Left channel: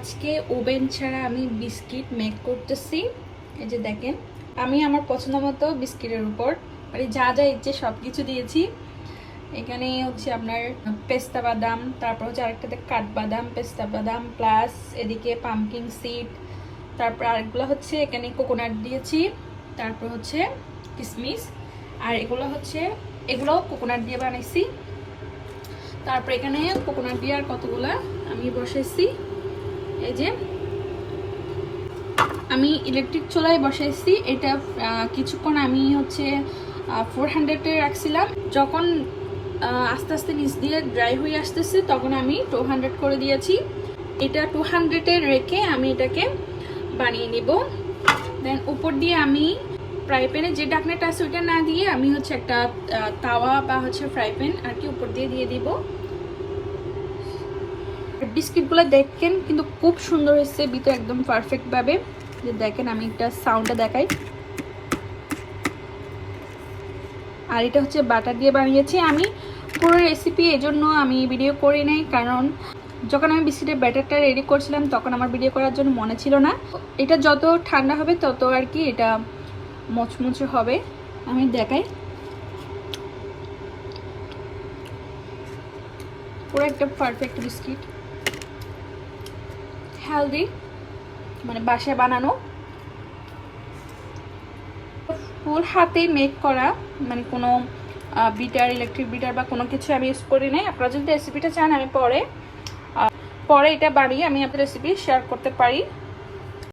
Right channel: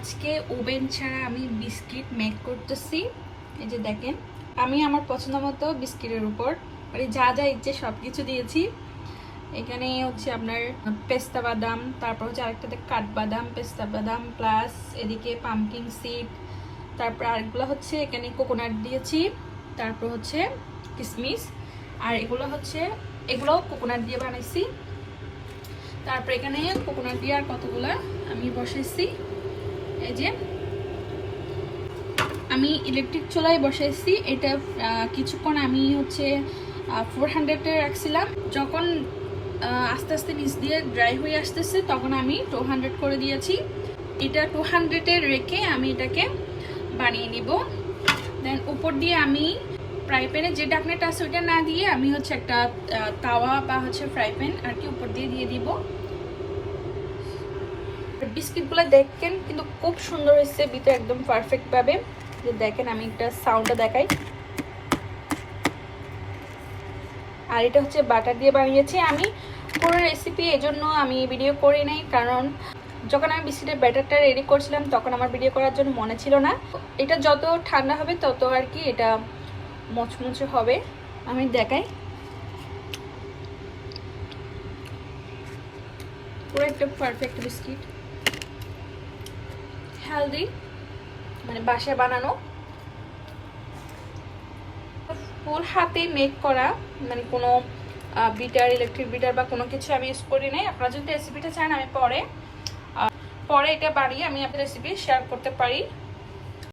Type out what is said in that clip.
আজকে ওভেন ছাড়া আমি বিস্কিট মেক করতেছি। এই যে দেখেন, আমি আমার পছন্দ মতো বিস্কিটের উপর মানে যা যা ইচ্ছে সব কিছু দিয়েছি। এখানে হচ্ছে আপনার পেস্তা বাদাম, তারপর হচ্ছে আরেকটাতে কাঠবাদাম, পেস্তা বাদাম প্লাস এদিকে পামকিন সিড, তারপর আরেকগুলো হচ্ছে এখানে কোকোনাট দিয়েছি, তারপর হচ্ছে কিশমিশ, আর এগুলো কোকোনাট দিয়ে বানাইছি। তারপর এখানে কোকোনাট দিয়ে আর কতগুলা আমি বসাইছি। এই যে আমি ইলেকট্রিক চুলায় বসাইছি। এটা কিছুক্ষণ আমি হচ্ছে 400-এ রাখছিলাম। যখন আস্তে আস্তে নিচ দিয়ে ড্রাই হয়ে আসতেছে তখন আমি 200 করে দিয়েছি। এটা 200-এ রেখে আমি এটাকে বানিয়ে নিব। দেন উপর দিয়ে আমি ফ্রাই প্যানে যে ঢাকনাটা আছে ওইটা না দিয়ে আমি হচ্ছে একটা তাওয়া বা হচ্ছে ফ্রাই প্যান আর কি উপর দিয়ে দিব। বিস্কিটগুলো দেখেন কিন্তু খুব সুন্দর হয়েছে, ভিতরে একদম পারফেক্ট ভাবে। দেখেন আমি একটা সাউন্ডে দেখাই। আর এটা হচ্ছে বাটার দিয়ে বানিয়েছি আমি। পুরো রেসিপি এই জন্য আমি ভিডিও করি নাই, কারণ যখন আমি বিস্কিটের ব্যাটারটা রেডি করছিলাম তখন আমার ভিডিও করার জন্য মনে ছিল না। এটা যত ঠান্ডা হবে তত আর কি এটা মচমচে হবে। আমি দেখাই, পুরো একটা পারফেক্ট বিস্কিট, হেলদি, মানে বাসায় বানানো, ফুল হাতে মেক করা, মানে কোনো বিটার, ইলেকট্রিক বিটার বা কোনো কিছু আমি ইউজ করি নাই। আপনারা যদি রেসিপিটা চান আমি পরে এটা বাড়িয়ে আমি আপনার রেসিপি শেয়ার করতে পারি।